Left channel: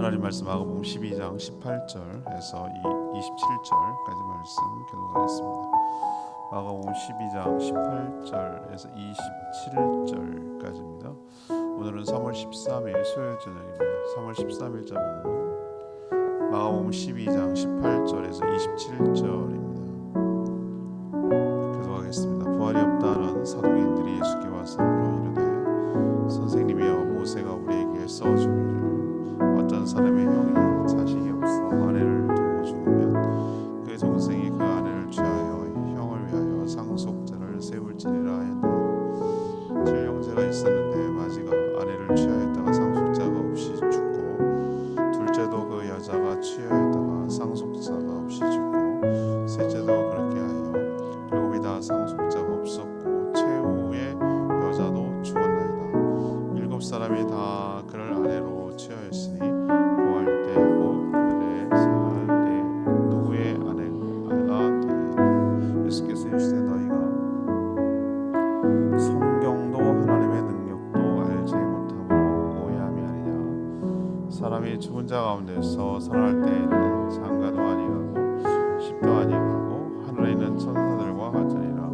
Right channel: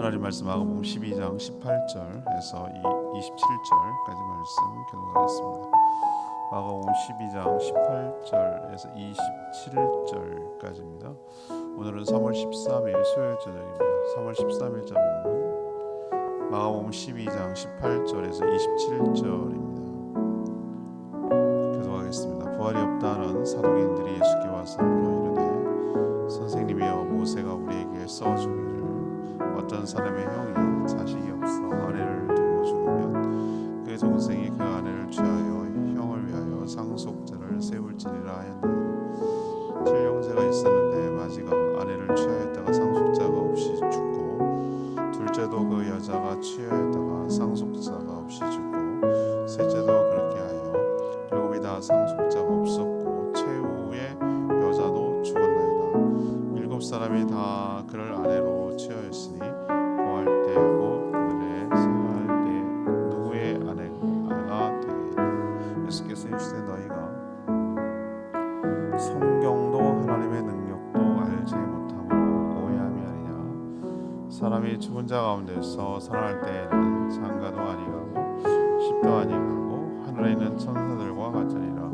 하나님 말씀 마가복음 12장 18절에서 27절까지 말씀 교독하겠습니다. 마가복음 12장 18절에서 27절까지입니다. 오늘은 3월 13일 수요일 저녁입니다. 3월 13일자 본문 마가복음 12장 18절에서 27절입니다. 교독하겠습니다. 부활이 없다는 사두개인들이 예수께 와서 물어 이르되 선생님이여 모세가 우리에게 써주기를 어떤 사람의 형이 자식이 없어 아내를 두고 죽으면 그 동생이 그 아내를 취하여 형을 위하여 상속자를 세울지니라 했나니 7형제가 있었는데 마지가 아내를 취하였다가 상속자가 없이 죽고 둘째도 그 여자가 취하였다가 상속자가 없이 죽고 셋째도 그렇게 하여 일곱이 다 상속자가 없었고 최후의 여자도 죽었나이다. 일곱 사람이 다 그를 아내로 취하였으니 고할 때 곧 그들의 살 때 누구의 아내가 되리이까. 예수께서 이르시되 너희가 성경도 하나님의 능력도 알지 못함으로 오해함이 아니냐. 사람이 죽은 자 가운데서 살아날 때에는 장가도 아니하고 십도 아니하고 하늘에 있는 천사들과 같으니라.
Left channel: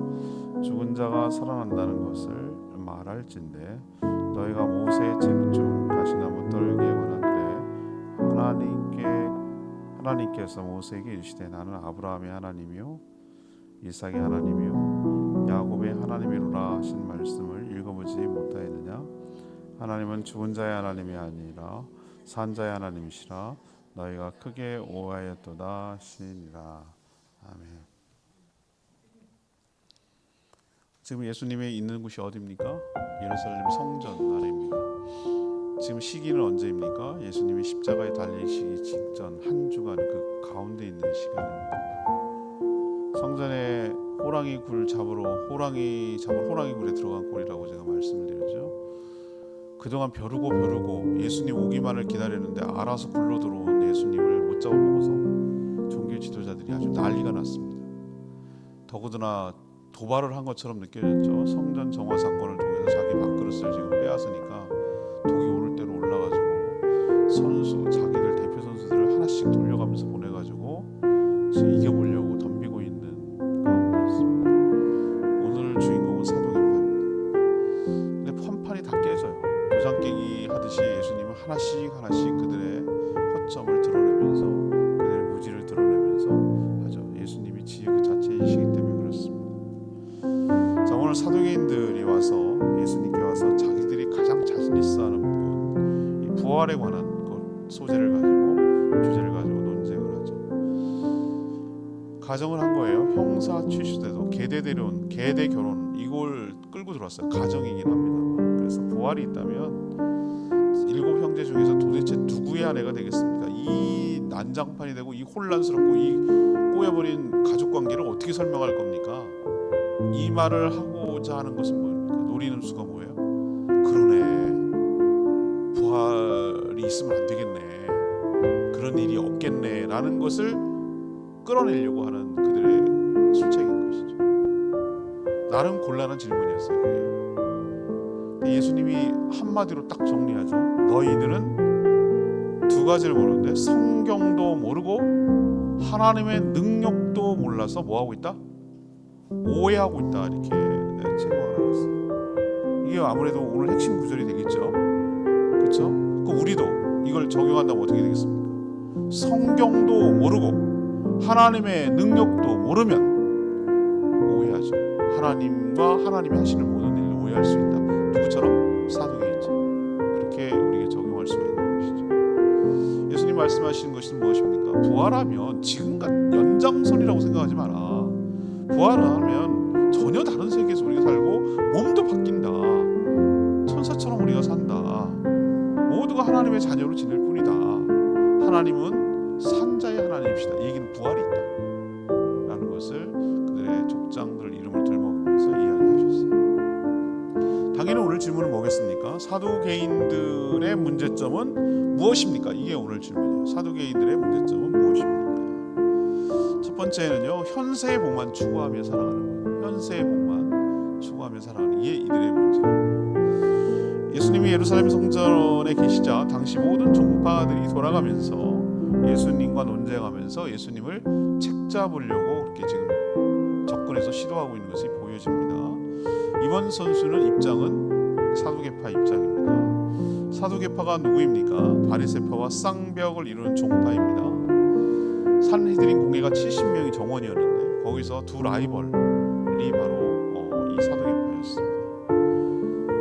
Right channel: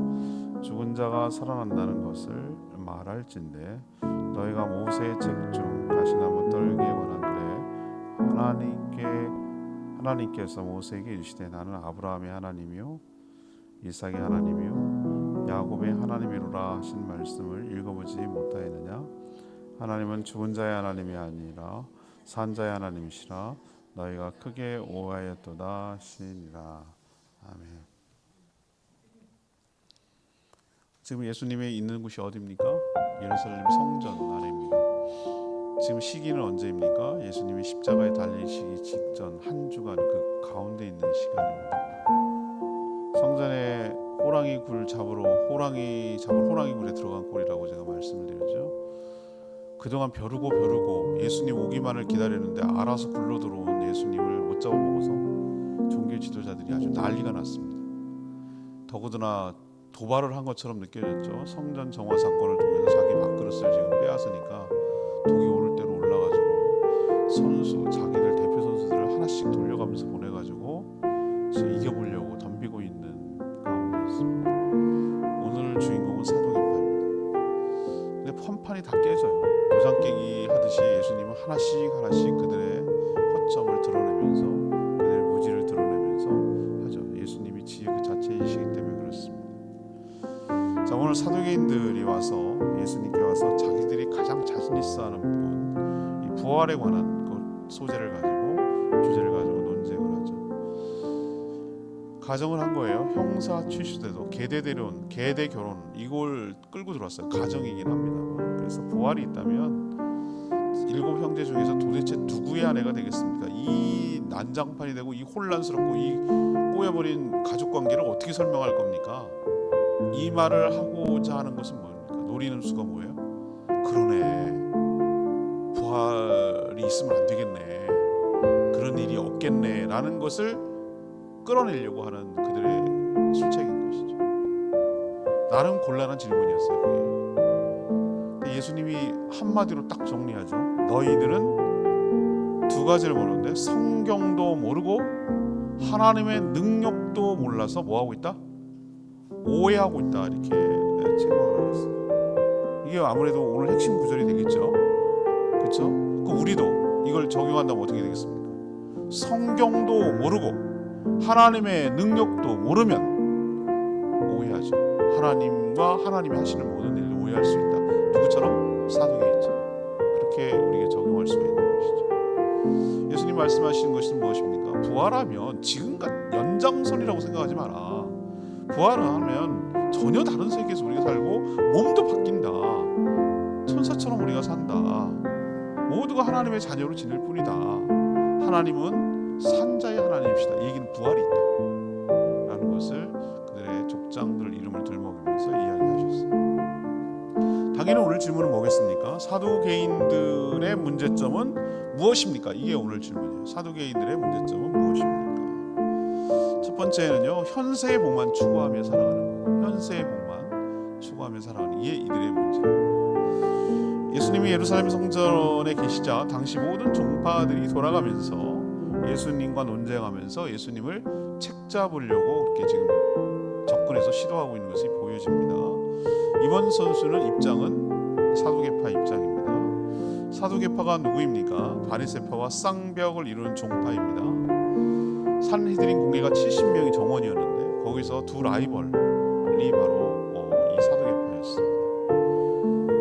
죽은 자가 살아난다는 것을 말할진대 너희가 모세의 책 중 가시나무 떨기에 관한 글에 하나님께서 모세에게 이르시되 나는 아브라함의 하나님이요 이삭의 하나님이요 야곱의 하나님이로라 하신 말씀을 읽어보지 못하였느냐. 하나님은 죽은 자의 하나님이 아니라 산 자의 하나님이시라. 너희가 크게 오해하였도다 하시니라. 아멘. 지금 예수님이 있는 곳이 어디입니까? 예루살렘 성전 안에입니다. 지금 시기는 언제입니까? 예수님이 십자가에 달리시기 직전 한 주간 그 가운데 있는 시간입니다. 성전에 호랑이 굴 잡으러 호랑이 굴에 들어간 꼴이라고 제가 말씀을 드렸죠. 그동안 벼르고 예수님 오기만을 기다렸는데 알아서 굴러 들어온 예수님을 못 잡아먹어서 종교 지도자들이 아주 난리가 났습니다. 더구나 도발을 한 것처럼 느껴졌죠. 성전 정화 사건을 통해서 자기 밥그릇을 지금 빼앗으니까 독이 오를 대로 올라가지고 자기들 대표 선수들을 하나씩 돌려가면서 보내가지고 지금 이겨보려고 덤비고 있는 가운데 있습니다. 오늘 주인공은 사도계파입니다. 근데 판판이 다 깨져요. 도장 깨기 하듯이 예수님은 하나씩 그들의 허점을 드러내면서 그들의 무지를 드러내면서 하죠. 예수님이 지혜 그 자체이시기 때문에 그렇습니다. 자, 오늘 사두개인들이 와서 예수님께 와서 자기들이 가장 자신 있어 하는 부분, 이 부활에 관한 그 주제를 가지고 논쟁을 하죠. 가정을 한 거예요. 형사 취수대도 계대 결혼 이걸 끌고 들어왔어요. 가정이긴 합니다만. 그래서 부활이 있다면 일곱 형제 중에서 도대체 누구의 아내가 되겠습니까? 이 난장판이 되고 이 혼란스럽고 이 꼬여버린 가족 관계를 어떻게 설명할 겁니까? 이 말을 하고자 하는 것은 뭡니까? 노리는 수가 뭐예요? 그러네, 부활이 있으면 안 되겠네, 그런 일이 없겠네 라는 것을 끌어내려고 하는 그들의 술책인 것이죠. 나름 곤란한 질문이었어요. 그게. 예수님이 한마디로 딱 정리하죠. 너희들은 두 가지를 모르는데 성경도 모르고 하나님의 능력도 몰라서 뭐하고 있다? 오해하고 있다, 이렇게 책망을 하겠어요. 이게 아무래도 오늘 핵심 구절이 되겠죠. 그렇죠? 그럼 우리도 이걸 적용한다면 어떻게 되겠습니까? 성경도 모르고 하나님의 능력도 모르면 오해하죠. 하나님과 하나님이 하시는 모든 일을 오해할 수 있다. 누구처럼? 사두개인처럼. 그렇게 우리에게 적용할 수가 있는 것이죠. 예수님 말씀하시는 것은 무엇입니까? 부활하면 지금과 연장선이라고 생각하지 마라. 부활을 하면 전혀 다른 세계에서 우리가 살고 몸도 바뀐다. 천사처럼 우리가 산다. 모두가 하나님의 자녀로 지낼 뿐이다. 하나님은 산자의 하나님이시다. 이 얘기는 부활이 있다 라는 것을 그들의 족장들 이름을 들먹이면서 이야기하셨어요. 당연히 오늘 질문은 뭐겠습니까? 사두개인들의 문제점은 무엇입니까? 이게 오늘 질문이에요. 사두개인들의 문제점은 무엇입니까? 첫 번째는요, 현세의 복만 추구하며 살아가는 것. 현세의 복만 추구하며 살아가는 게 이들의 문제예요. 예수님이 예루살렘 성전에 계시자 당시 모든 종파들이 돌아가면서 예수님과 논쟁하면서 예수님을 책잡으려고 그렇게 지금 접근해서 시도하고 있는 것이 보여집니다. 이번 선수는 입장은 사두개파 입장입니다. 사두개파가 누구입니까? 바리새파와 쌍벽을 이루는 종파입니다. 산헤드린 공회가 70명이 정원이었는데 거기서 두 라이벌이 바로 이 사두개파였습니다.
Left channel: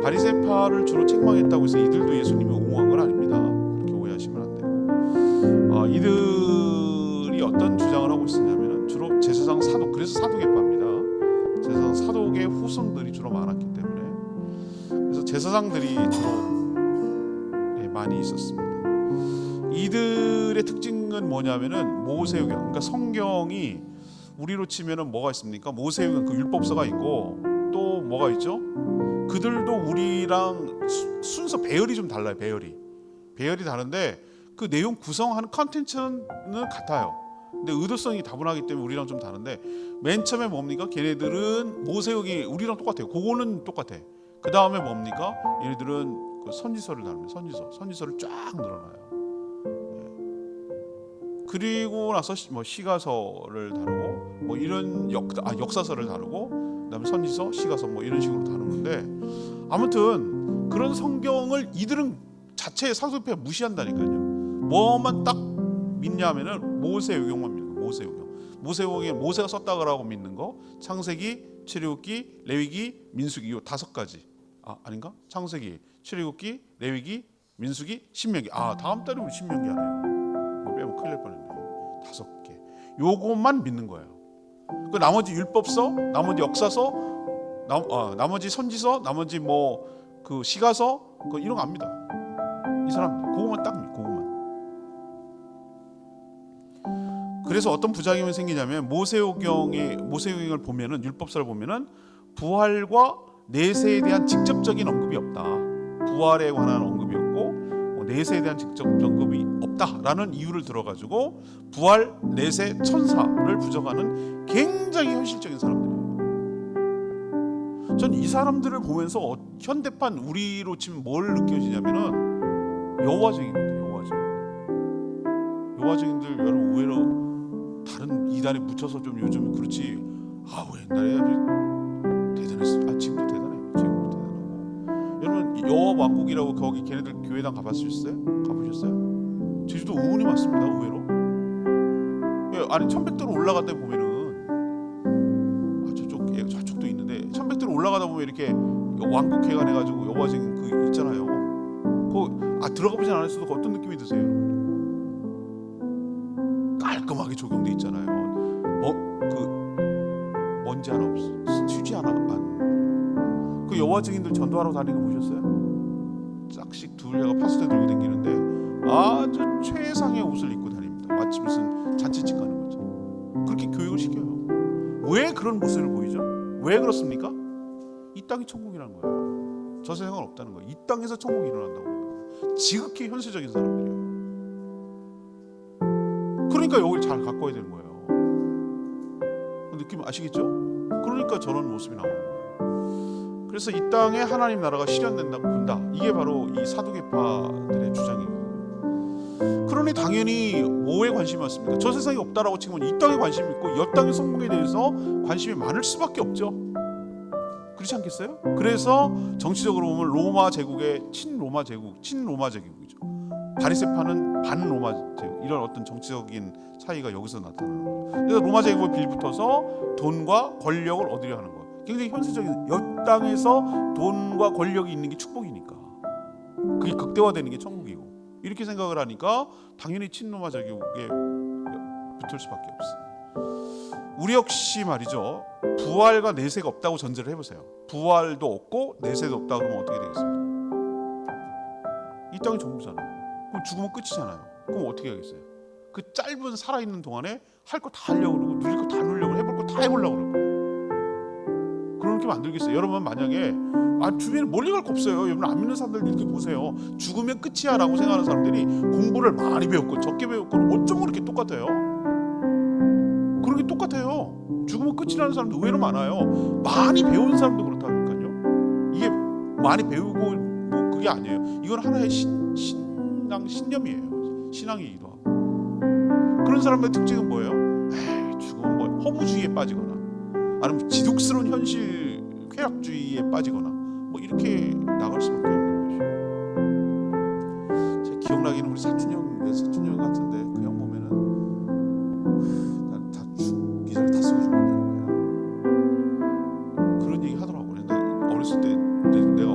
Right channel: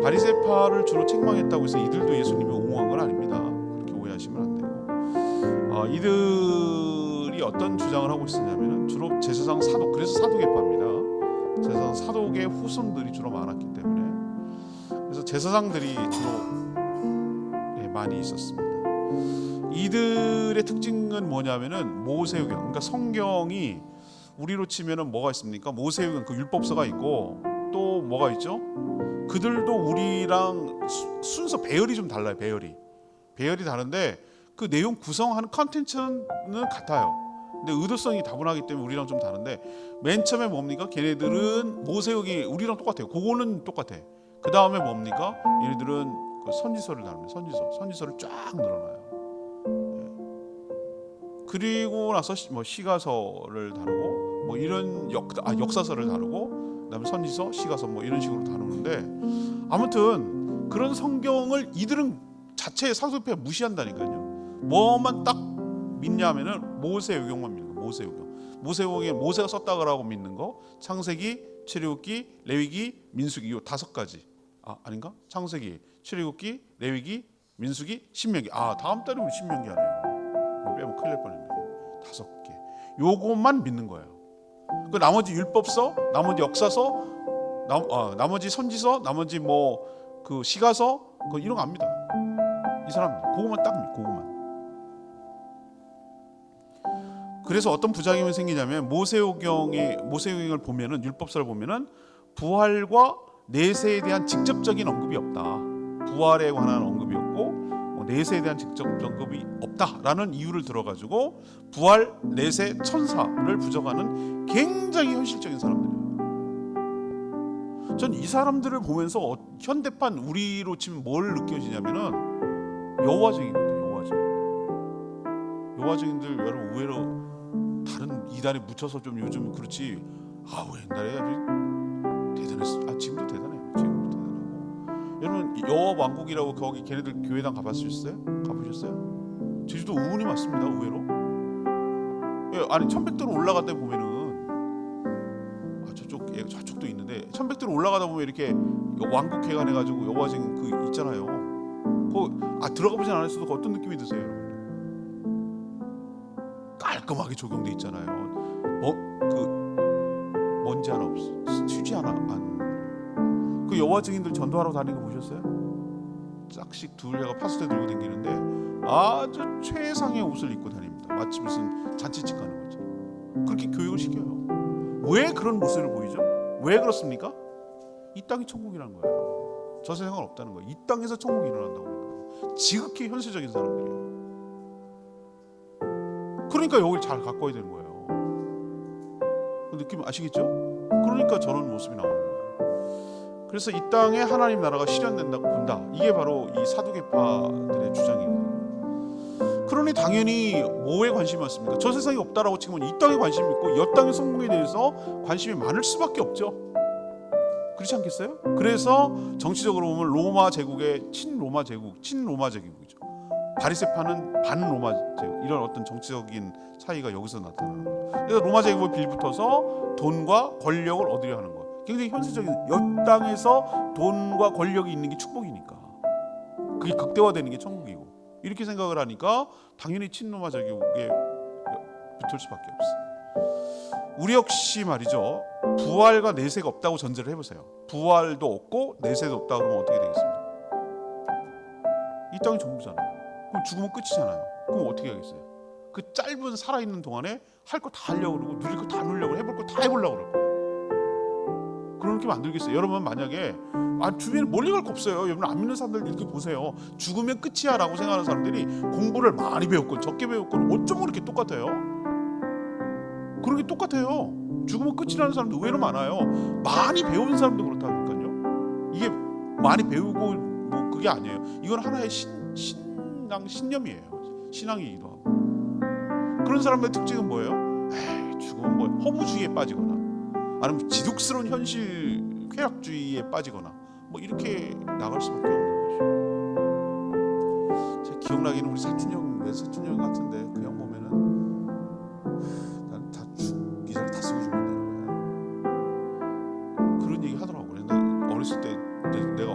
바리새파를 주로 책망했다고 해서 이들도 예수님이 옹호한 건 아닙니다. 그렇게 오해하시면 안 되고, 이들이 어떤 주장을 하고 있었냐면은 주로 제사장 사독, 그래서 사두개파입니다. 제사장 사독의 후손들이 주로 많았기 때문에, 그래서 제사장들이 주로 많이 있었습니다. 이들의 특징은 뭐냐면은 모세오경, 그러니까 성경이 우리로 치면은 뭐가 있습니까? 모세오경, 그 율법서가 있고 또 뭐가 있죠? 그들도 우리랑 순서 배열이 좀 달라요. 배열이 다른데 그 내용 구성하는 컨텐츠는 같아요. 근데 의도성이 다분하기 때문에 우리랑 좀 다른데, 맨 처음에 뭡니까? 걔네들은 모세오경이 우리랑 똑같아요. 그거는 똑같아. 그 다음에 뭡니까? 얘네들은 그 선지서를 다룹니다. 선지서를 쫙 늘어놔요. 그리고 나서 뭐 시가서를 다루고 뭐 이런 역사서를 다루고, 그다음에 선지서, 시가서 뭐 이런 식으로 다루는데, 아무튼 그런 성경을 이들은 자체의 사두개파 무시한다니까요. 뭐만 딱 믿냐면은 모세오경만 믿는 거. 모세오경에 모세가 썼다고 믿는 거. 창세기, 출애굽기, 레위기, 민수기, 요 5가지. 아닌가? 창세기, 출애굽기, 레위기, 민수기, 신명기. 다음 달에 우리 신명기 하네요. 뭐 빼면 큰일 날 뻔했네. 5개. 요것만 믿는 거예요. 그 나머지 율법서, 나머지 역사서, 나머지 선지서, 나머지 뭐 그 시가서, 그 이런 거 압니다. 이 사람들 그것만 딱 믿고, 그것만. 그래서 어떤 부작용이 생기냐면, 모세오경을 보면은, 율법서를 보면은 부활과 내세에 대한 직접적인 언급이 없다. 부활에 관한 언급이 없고 내세에 대한 직접 언급이 없다라는 이유를 들어가지고 부활, 내세, 천사를 부정하는 굉장히 현실적인 사람들이에요. 전 이 사람들을 보면서 현대판 우리로 치면 뭘 느껴지냐면은 여호와증인들. 여호와증인들 여러분 의외로 다른 이단에 묻혀서 좀 요즘 그렇지, 옛날에 아주 대단했어. 지금도 대단해요. 지금도 대단하고. 여러분 여호와 왕국이라고 거기 걔네들 교회당 가보셨어요? 제주도 의원이 많습니다. 의외로. 천백도로 올라가다 보면은 저쪽도 있는데, 천백도로 올라가다 보면 이렇게 왕국회관 해가지고 여호와증인 그 있잖아요. 들어가 보진 않았어도 어떤 느낌이 드세요, 여러분? 깔끔하게 조경돼 있잖아요. 먼지 하나 없어, 휴지 하나 안. 그 여호와 증인들 전도하러 다니는 거 보셨어요? 짝씩 둘레가 파스텔 들고 다니는데 아주 최상의 옷을 입고 다닙니다. 마치 무슨 잔치집 가는 거죠. 그렇게 교육을 시켜요. 왜 그런 모습을 보이죠? 왜 그렇습니까? 이 땅이 천국이라는 거예요. 저 세상은 없다는 거예요. 이 땅에서 천국이 일어난다고 그러는 거예요. 지극히 현실적인 사람들이에요. 그러니까 여기를 잘 가꿔야 되는 거예요. 그 느낌 아시겠죠? 그러니까 저런 모습이 나오는 거예요. 그래서 이 땅에 하나님 나라가 실현된다고 본다. 이게 바로 이 사두개파들의 주장이거든요. 그러니 당연히 뭐에 관심이 많습니까? 저 세상이 없다라고 치면 이 땅에 관심이 있고, 이 땅의 성공에 대해서 관심이 많을 수밖에 없죠. 그렇지 않겠어요? 그래서 정치적으로 보면 로마 제국의 친로마 제국이죠. 바리새파는 반로마 제국, 이런 어떤 정치적인 차이가 여기서 나타나는 거예요. 그래서 로마 제국을 빌붙어서 돈과 권력을 얻으려 하는 거예요. 굉장히 현실적인, 이 땅에서 돈과 권력이 있는 게 축복이니까, 그게 극대화되는 게 천국이고, 이렇게 생각을 하니까 당연히 친로마 제국에 붙을 수밖에 없어요. 우리 역시 말이죠, 부활과 내세가 없다고 전제를 해보세요. 부활도 없고 내세도 없다 그러면 어떻게 되겠습니까? 이 땅이 전부잖아요. 그럼 죽으면 끝이잖아요. 그럼 어떻게 하겠어요? 그 짧은 살아있는 동안에 할 거 다 하려고 그러고, 누릴 거 다 누리려고, 해볼 거 다 해보려고 그럴 거예요. 그렇게 만들겠어요? 여러분 만약에 주변에 멀리 갈 거 없어요. 여러분 안 믿는 사람들 이렇게 보세요. 죽으면 끝이야 라고 생각하는 사람들이 공부를 많이 배웠건 적게 배웠건 어쩜 그렇게 똑같아요? 그런 게 똑같아요. 죽으면 끝이라는 사람도 의외로 많아요. 많이 배운 사람도 그렇다니까요. 이게 많이 배우고 뭐 그게 아니에요. 이건 하나의 신념이에요. 신앙이기도 하고. 그런 사람의 특징은 뭐예요? 에이, 죽으면 뭐 허무주의에 빠지거나 아니면 지독스러운 현실 쾌락주의에 빠지거나 뭐 이렇게 나갈 수밖에 없는 것이에요. 제 기억나기는 우리 사촌 형 같은데 그 형 보면은 난 다 죽기 전에 다 쓰고 죽는다는 거야. 그런 얘기 하더라고. 근데 어렸을 때 내가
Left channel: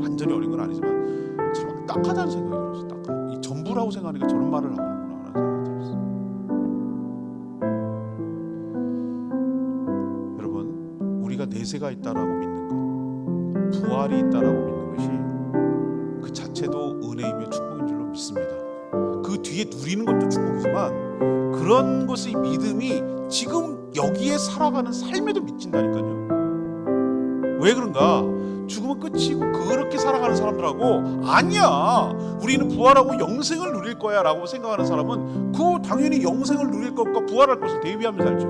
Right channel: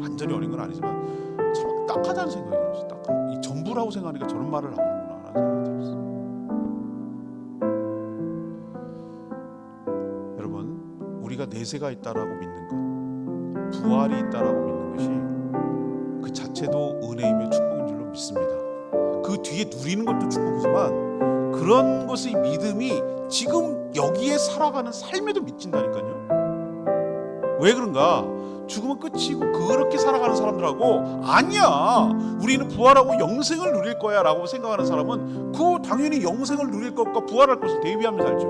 완전히 어린 건 아니지만 참 딱하다는 생각이 들었어. 딱하. 이 전부라고 생각하니까 저런 말을 나오는구나 라는 생각이 들었어. 여러분, 우리가 내세가 있다라고 믿는 것, 부활이 있다라고 믿는 것이 그 자체도 은혜이며 축복인 줄로 믿습니다. 그 뒤에 누리는 것도 축복이지만 그런 것의 믿음이 지금 여기에 살아가는 삶에도 미친다니까요. 왜 그런가? 죽으면 끝이고 그렇게 살아가는 사람들하고 아니야, 우리는 부활하고 영생을 누릴 거야 라고 생각하는 사람은 그 당연히 영생을 누릴 것과 부활할 것을 대비하며 살죠.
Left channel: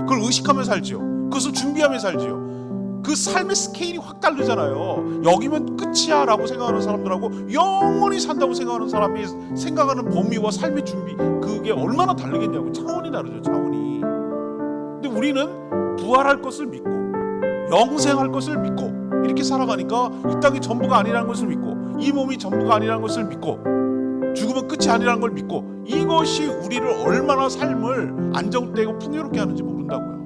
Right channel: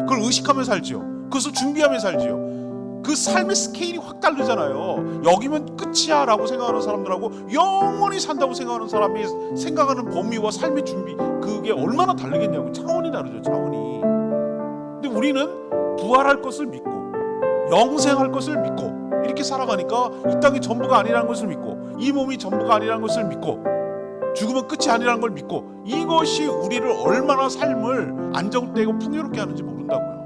그걸 의식하며 살죠. 그것을 준비하며 살지요. 그 삶의 스케일이 확 다르잖아요. 여기면 끝이야 라고 생각하는 사람들하고 영원히 산다고 생각하는 사람이 생각하는 범위와 삶의 준비, 그게 얼마나 다르겠냐고. 차원이 다르죠. 차원이. 근데 우리는 부활할 것을 믿고 영생할 것을 믿고 이렇게 살아가니까 이 땅이 전부가 아니라는 것을 믿고 이 몸이 전부가 아니라는 것을 믿고 죽으면 끝이 아니라는 걸 믿고, 이것이 우리를 얼마나 삶을 안정되고 풍요롭게 하는지 모른다고요.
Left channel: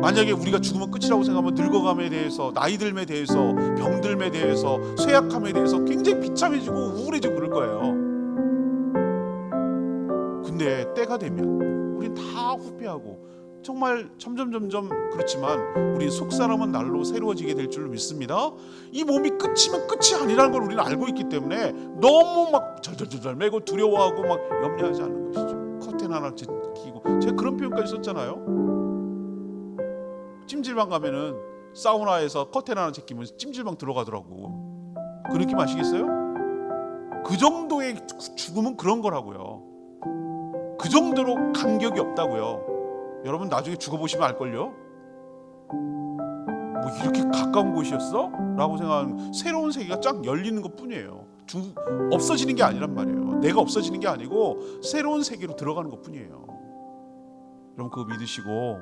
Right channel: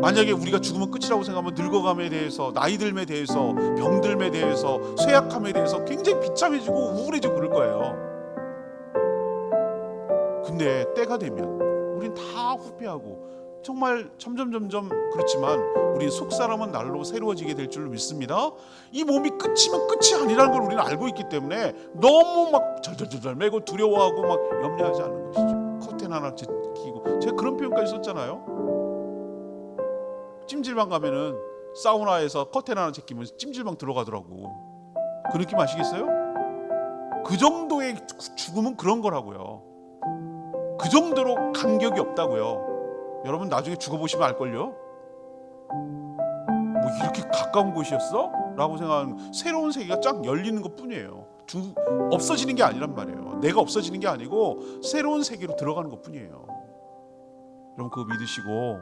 만약에 우리가 죽으면 끝이라고 생각하면 늙어감에 대해서, 나이 듦에 대해서, 병듦에 대해서, 쇠약함에 대해서 굉장히 비참해지고 우울해지고 그럴 거예요. 근데 때가 되면 우린 다 후회하고 정말 점점 그렇지만 우리 속사람은 날로 새로워지게 될 줄로 믿습니다. 이 몸이 끝이면 끝이 아니라는 걸 우리는 알고 있기 때문에 너무 막 절절절절 매고 두려워하고 막 염려하지 않는 것이죠. 커튼 하나 제끼고, 제가 그런 표현까지 썼잖아요. 찜질방 가면은 사우나에서 커튼 하나 제끼면 찜질방 들어가더라고. 그 느낌 아시겠어요? 그 정도의 죽음은 그런 거라고요. 그 정도로 간격이 없다고요. 여러분 나중에 죽어보시면 알걸요. 뭐 이렇게 가까운 곳이었어? 라고 생각하는 새로운 세계가 쫙 열리는 것 뿐이에요. 없어지는 게 아니란 말이에요. 내가 없어지는 게 아니고 새로운 세계로 들어가는 것 뿐이에요. 여러분 그거 믿으시고,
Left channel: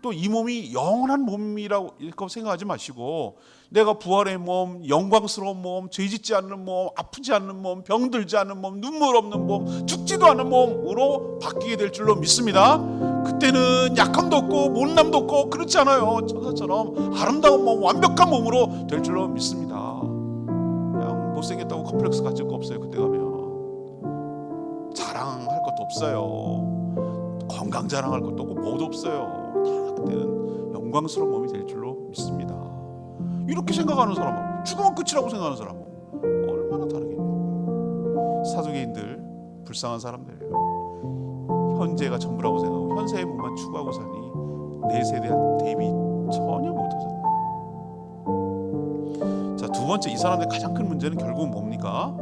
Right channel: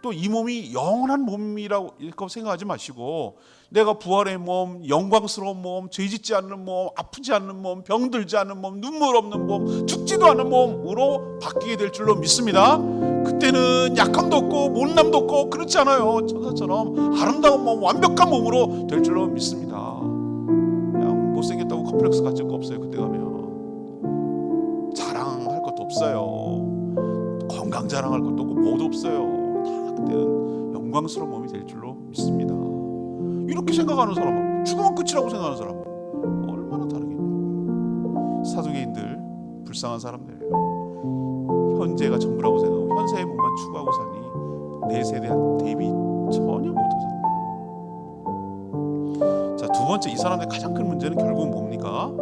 또 이 몸이 영원한 몸이라고 생각하지 마시고, 내가 부활의 몸, 영광스러운 몸, 죄짓지 않는 몸, 아프지 않는 몸, 병들지 않는 몸, 눈물 없는 몸, 죽지도 않은 몸으로 바뀌게 될 줄로 믿습니다. 그때는 약함도 없고 못남도 없고 그렇지 않아요. 천사처럼 아름다운 몸, 완벽한 몸으로 될 줄로 믿습니다. 그냥 못생겼다고 컴플렉스 가질 거 없어요. 그때 가면 자랑할 것도 없어요. 건강 자랑할 것도 없고 뭐도 없어요. 다 그때는 영광스러운 몸이 될 줄로 믿습니다. 이렇게 생각하는 사람하고 죽으면 끝이라고 생각하는 사람하고 얼마나 다르겠냐고요. 사두개인들 불쌍한 사람들이에요. 현재가 전부라고 생각하고 현세의 몸만 추구하고 사니 내세에 대한 대비 전혀 못하잖아요. 자, 두 번째, 이 사람들의 가장 큰 문제는 결국 뭡니까?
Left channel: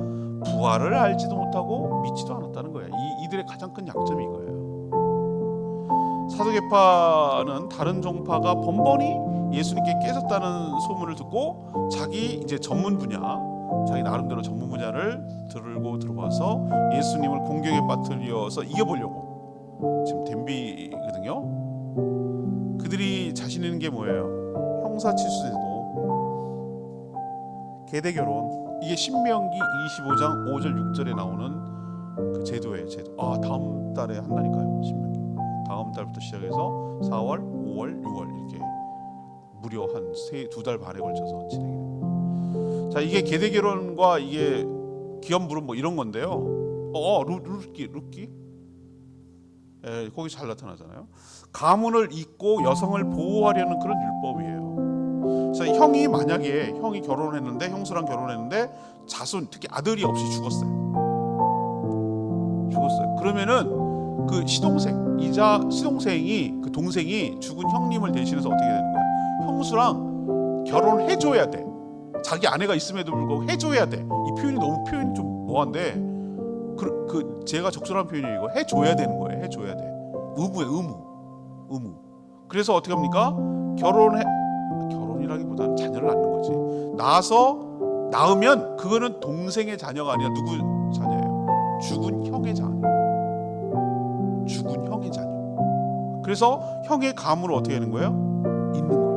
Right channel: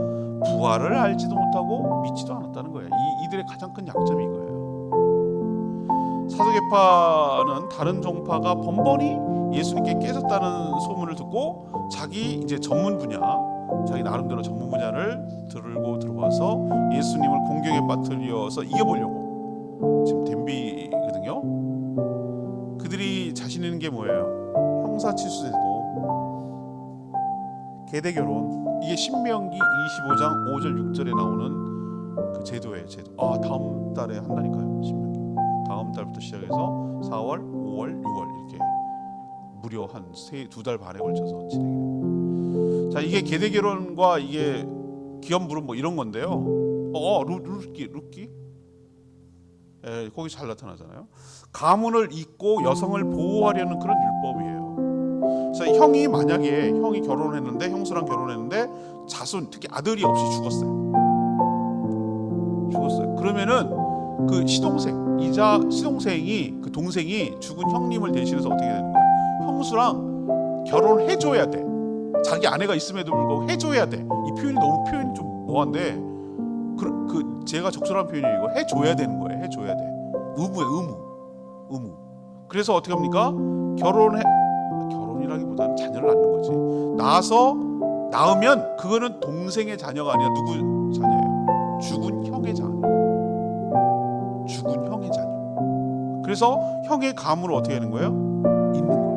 부활을 알지도 못하고 믿지도 않았다는 거예요. 이들의 가장 큰 약점이 이거예요. 사두개파는 다른 종파가 번번이 예수님께 깨졌다는 소문을 듣고 자기 이제 전문 분야, 자기 나름대로 전문 분야를 들고 들어와서 예수님을 공경에 빠뜨려서 이겨보려고 지금 덤비거든요. 그들이 자신 있는 게 뭐예요? 형사치수제도, 계대결혼, 이게 신명기 25장 5절 6절에 나오는 그 제도예요. 제도. 다음 달에 한다니까요. 신명기 다음 달부터 시작해서 4월, 5월, 6월 이렇게 무려 한 두 달 반에 걸쳐서 진행이 됩니다. 자, 이게 계대결혼과 이게 기업물은 뭐 이런 건데요. 룻기, 거기 잘 나타나잖아요. 가문을 잇고 여성을 보호하려는 그런 율법이에요. 그래서 형이 만약에 결혼했는데, 형수랑 결혼했는데 자손, 특히 아들이 없이 죽었어요. 그러면은 그 시동생이 그 동생이 죽은 형님을 대신해서 어떻게 되는 거야? 형수랑 결혼해줘야 돼. 자기 아내가 있음에도 불구하고 해줘야 돼. 이 표현이 좀 뭐한데, 제가 적절한 표현이 이거 해줘야 되는 거예요. 해줘야 돼. 의무. 그래서 어떻게 합니까? 결혼을 결혼이라기보다는 자녀를 낳는 거지. 낳으면 그거는 동생의 자녀가 아니라 누구 자녀예요? 죽은 형의 자녀. 죽은 형의 자녀. 그래서 형의 가문을 어떻게 하는 거예요? 있는 거예요.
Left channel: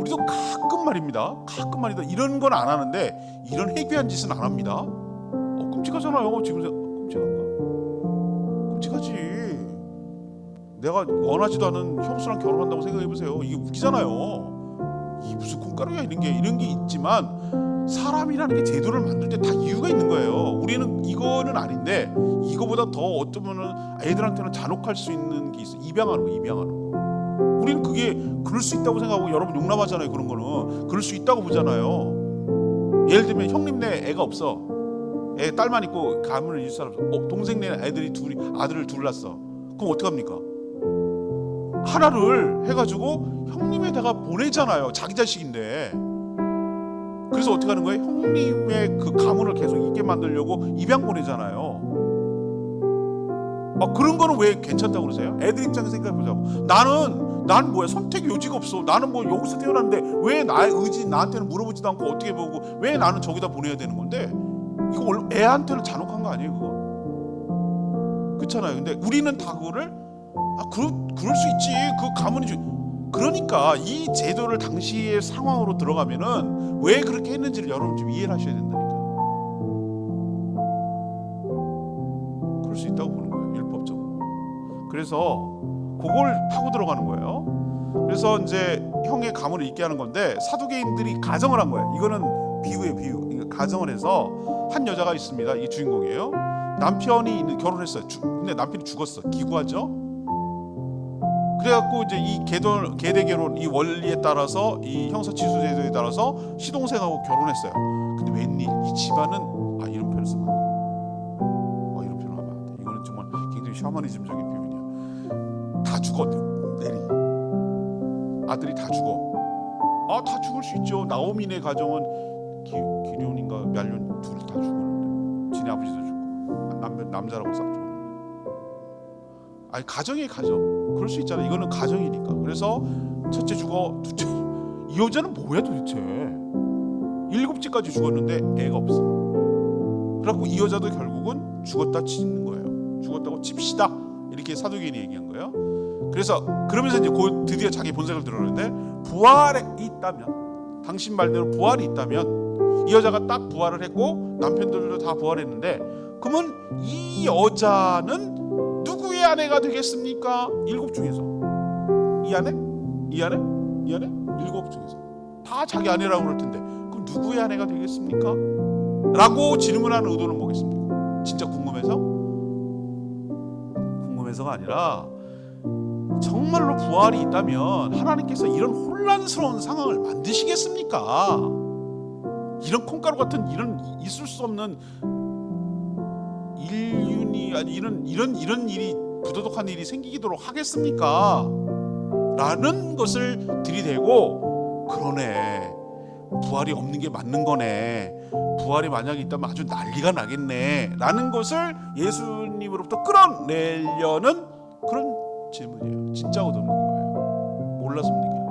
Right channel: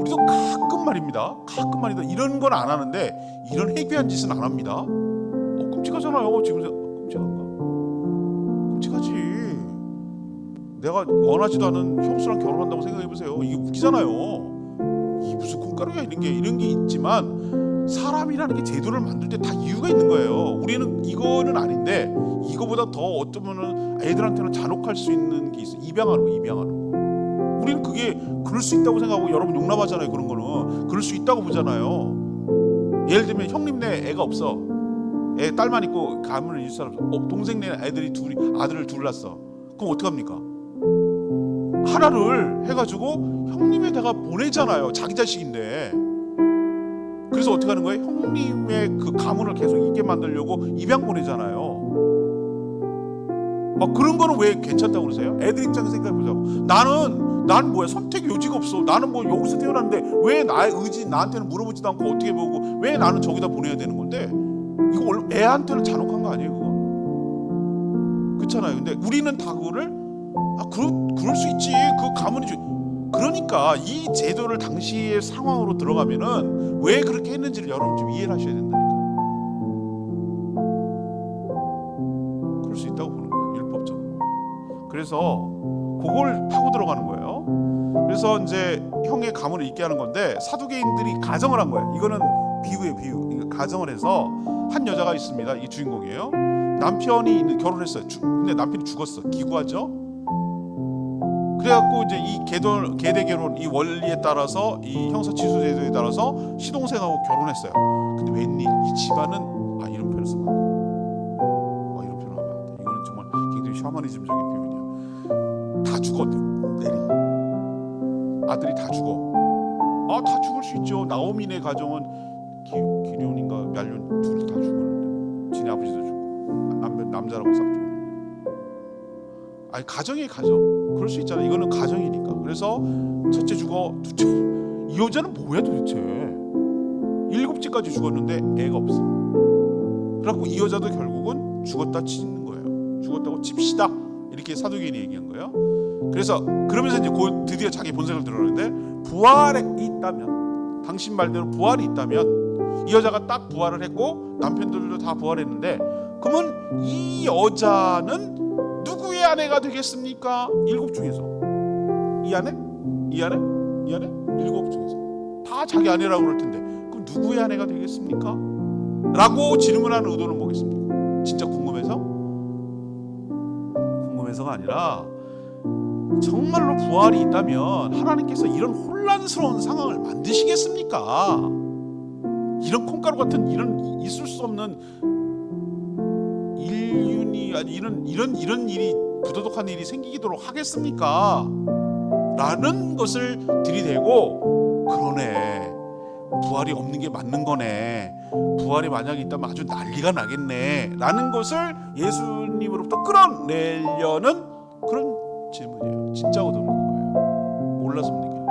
우리도 가끔 말입니다. 이런 건 안 하는데 이런 해괴한 짓은 안 합니다. 끔찍하잖아요. 지금 끔찍한가? 끔찍하지. 내가 원하지도 않은 형수랑 결혼한다고 생각해보세요. 이게 웃기잖아요. 이 무슨 콩가루야 이런 게 있지만 사람이라는 게 제도를 만들 때 다 이유가 있는 거예요. 우리는 이거는 아닌데 이거보다 더 어쩌면은 애들한테는 잔혹할 수 있는 게 있어. 입양하는 거. 우리는 그게 그럴 수 있다고 생각하고 여러분 용납하잖아요. 그런 거는 그럴 수 있다고 보잖아요. 예를 들면 형님네 애가 없어. 애 딸만 있고 가문을 이을 사람 없어. 동생네 아들을 둘 낳았어. 그럼 어떡합니까? 하나를 해가지고 형님에다가 보내잖아요. 자기 자식인데. 그래서 어떻게 하는 거예요? 형님의 그 가문을 계속 있게 만들려고 입양 보내잖아요. 그런 거는 왜 괜찮다고 그러세요? 애들 입장에서 생각해보자고. 나는 뭐야? 선택 여지가 없어. 나는 뭐 여기서 태어났는데 왜 나의 의지 나한테는 물어보지도 않고 어떻게 보고 왜 나는 저기다 보내야 되는 건데? 이거 애한테는 잔혹한 거 아니에요, 그거? 그렇잖아요. 근데 우리는 다 그거를 그럴 수 있지. 그 가문이 그러니까 이 제도를 당시의 상황으로 들어가면은 왜 그렇게 했는지를 여러분 좀 이해를 하셔야 된다니까. 그럴 수 있다고 보는 거예요, 율법적으로. 그래서 그걸 파고 들어가는 거예요. 그래서 이제 형의 가문을 있게 하는 건데 사두개인들이 가정을 한 거예요. 이거는 비유예요, 비유. 가정을 해서 한 여자가 있습니다. 이게 주인공이에요. 남편이 결혼했어요. 근데 남편이 죽었어. 기구하죠. 그래갖고 이제 이 계대 결혼 이 원리에 따라서 이 형사취수 제도에 따라서 시동생하고 결혼했어요. 근데 웬일 이 집안은 이런 표현을 쓰면 안 돼. 이런 표현을 하면 안 돼. 이거는 정말 굉장히 샤머니즘적인 표현이야. 다 죽어. 내리 아들이 다 죽어. 다 죽을 수 있죠. 나오미네 가정은 기럐인가 멸륜 둘이 다 죽었는데 지네 아버지도 죽고 남자라고 싹 죽었는데. 가정이 가정. 그럴 수 있잖아요. 이거는 가정이니까. 그래서 첫째 죽어, 둘째. 이 여자는 뭐야 도대체? 7째까지 죽었는데 애가 없어. 그래갖고 이 여자도 결국은 죽었다 치는 거예요. 죽었다고 칩시다. 이렇게 사두개인이 얘기한 거예요. 그래서 그러면서 이제 드디어 자기 본색을 드러내는데 부활에 있다면, 당신 말대로 부활이 있다면 이 여자가 딱 부활을 했고 남편들도 다 부활했는데 그러면 이 여자는 누구의 아내가 되겠습니까? 7 중에서 이 아내? 7 중에서 다 자기 아내라고 그럴 텐데 그럼 누구의 아내가 되겠습니까? 라고 질문하는 의도는 뭐겠습니까? 진짜 궁금해서가 아니라 정말로 부활이 있다면 하나님께서 이런 혼란스러운 상황을 만드시겠습니까? 이런 콩가루 같은 이런 있을 수 없는 인륜이 아니 이런 일이 부도덕한 일이 생기도록 하겠습니까? 라는 것을 들이대고 그러네. 부활이 없는 게 맞는 거네. 부활이 만약에 있다면 아주 난리가 나겠네. 라는 것을 예수님으로부터 끌어내려는 그런 질문이에요. 진짜고 듣는 거예요. 몰라서 묻는 게 아니에요.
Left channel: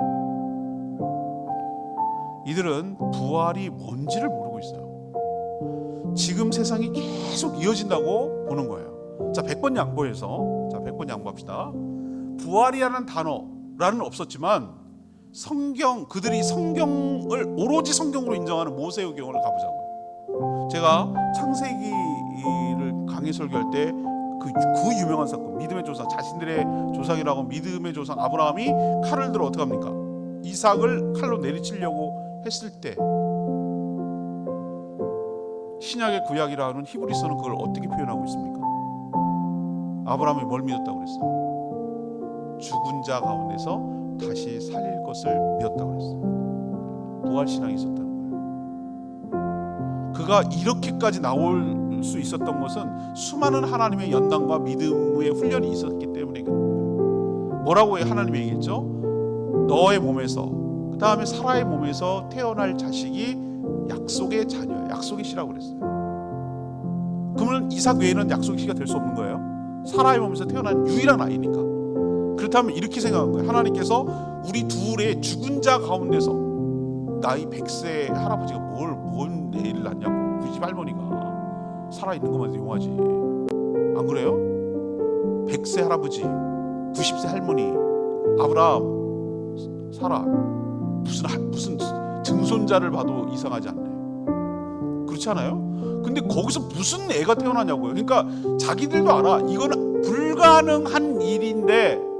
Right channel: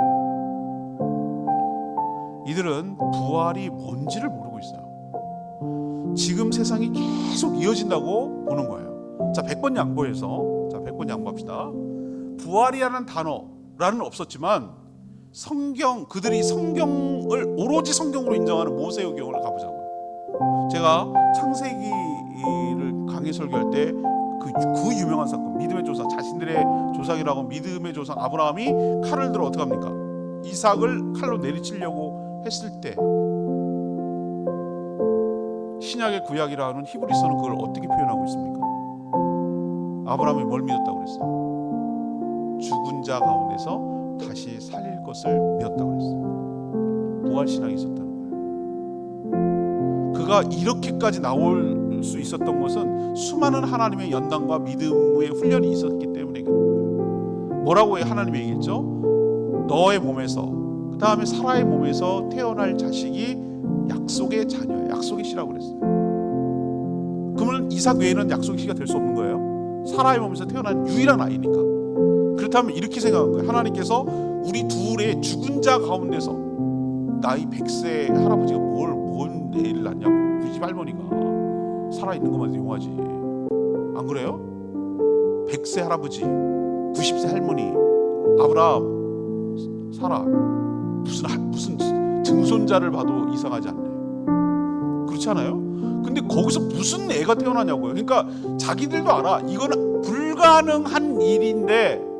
이들은 부활이 뭔지를 모르고 있어요. 지금 세상이 계속 이어진다고 보는 거예요. 자, 100번 양보해서 100번 양보합시다. 부활이라는 단어라는 없었지만 그들이 성경을 오로지 성경으로 인정하는 모세오경을 가보자고요. 제가 창세기를 강의 설교할 때 그 유명한 사건, 믿음의 조상, 자신들의 조상이라고 믿음의 조상 아브라함이 칼을 들어 어떻게 합니까? 이삭을 칼로 내리치려고 했을 때 신약의 구약이라 하는 히브리서는 그걸 어떻게 표현하고 있습니까? 아브라함이 뭘 믿었다고 그랬어요? 죽은 자 가운데서 다시 살릴 것을 믿었다고 그랬어요. 부활신앙이 있었다는 거예요. 그가 이렇게까지 나올 수 있었던 것은 수많은 하나님의 연단과 믿음의 훈련이 있었기 때문에 그런 거예요. 뭐라고 하나님이 얘기했죠? 너의 몸에서, 그 다음에 사라의 몸에서 태어날 자식이 약속의 자녀예요. 약속의 씨라고 그랬어요. 그러면 이삭 외에는 약속의 씨가 될 수 없는 거예요. 사라의 몸에서 태어난 유일한 아이니까. 그렇다면 그렇다면 이렇게 생각한 거예요. 하나님께서 우리 둘의 죽은 자 가운데서 나이 100세 할아버지가 뭔 애를 낳냐고. 우리 집 할머니가 살아있는 것만 해도 용하지. 안 그래요? 100세 할아버지, 90세 할머니, 아브라함, 사라, 무슨 증손자를 봐도 이상하지 않네. 그렇지 않아요? 근데 거기서 무슨 애가 태어나냐고요. 그러니까 자기들도 알아. 이거는 불가능한 일인데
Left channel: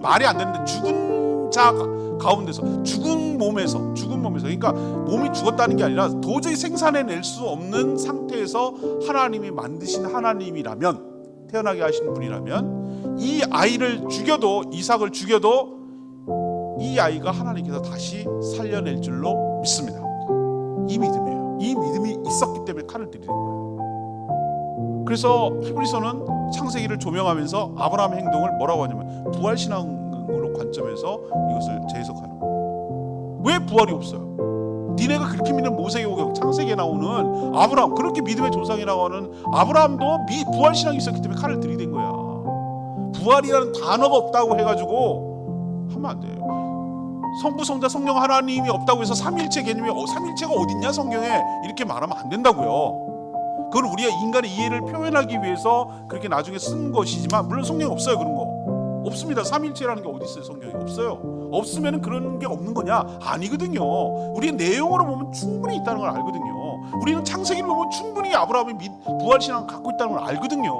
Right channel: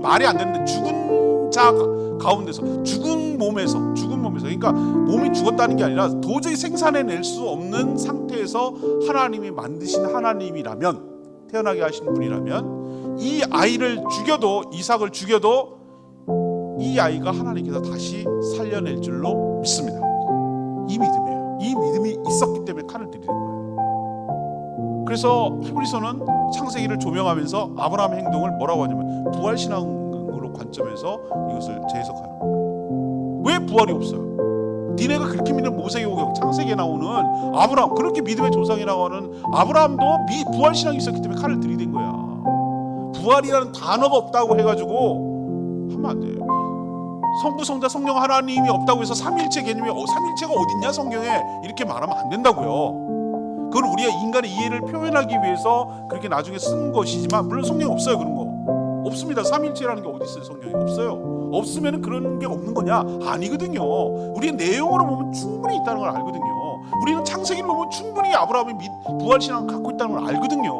말이 안 되는데 죽은 자 가운데서 죽은 몸에서 그러니까 몸이 죽었다는 게 아니라 도저히 생산해낼 수 없는 상태에서 하나님이 만드신 하나님이라면, 태어나게 하신 분이라면 이 아이를 죽여도, 이삭을 죽여도 이 아이가 하나님께서 다시 살려낼 줄로 믿습니다. 이 믿음이에요. 이 믿음이 있었기 때문에 칼을 들이는 거예요. 그래서 히브리서는 창세기를 조명하면서 아브라함의 행동을 뭐라고 하냐면 부활신앙으로 관점에서 이것을 재해석하는 거예요. 왜 부활이 없어요? 니네가 그렇게 믿는 모세오경 창세기에 나오는 아브라함, 그렇게 믿음의 조상이라고 하는 아브라함도 부활신앙이 있었기 때문에 칼을 들이댄 거야. 부활이라는 단어가 없다고 해가지고 하면 안 돼요. 성부, 성자, 성령 하나님이 없다고 해서 삼일체 개념이 삼일체가 어딨냐 성경에, 이렇게 말하면 안 된다고요. 그건 우리가 인간의 이해를 표현하기 위해서 그렇게 나중에 쓴 것이지만, 물론 성경에 없어요. 그런 거 없습니다. 삼일체라는 게 어디 있어요? 성경에 없어요. 없으면 그런 게 없는 거냐? 아니거든요. 우리는 내용으로 보면 충분히 있다는 걸 알거든요. 우리는 창세기를 보면 충분히 아브라함이 부활신앙을 갖고 있다는 걸 알거든요.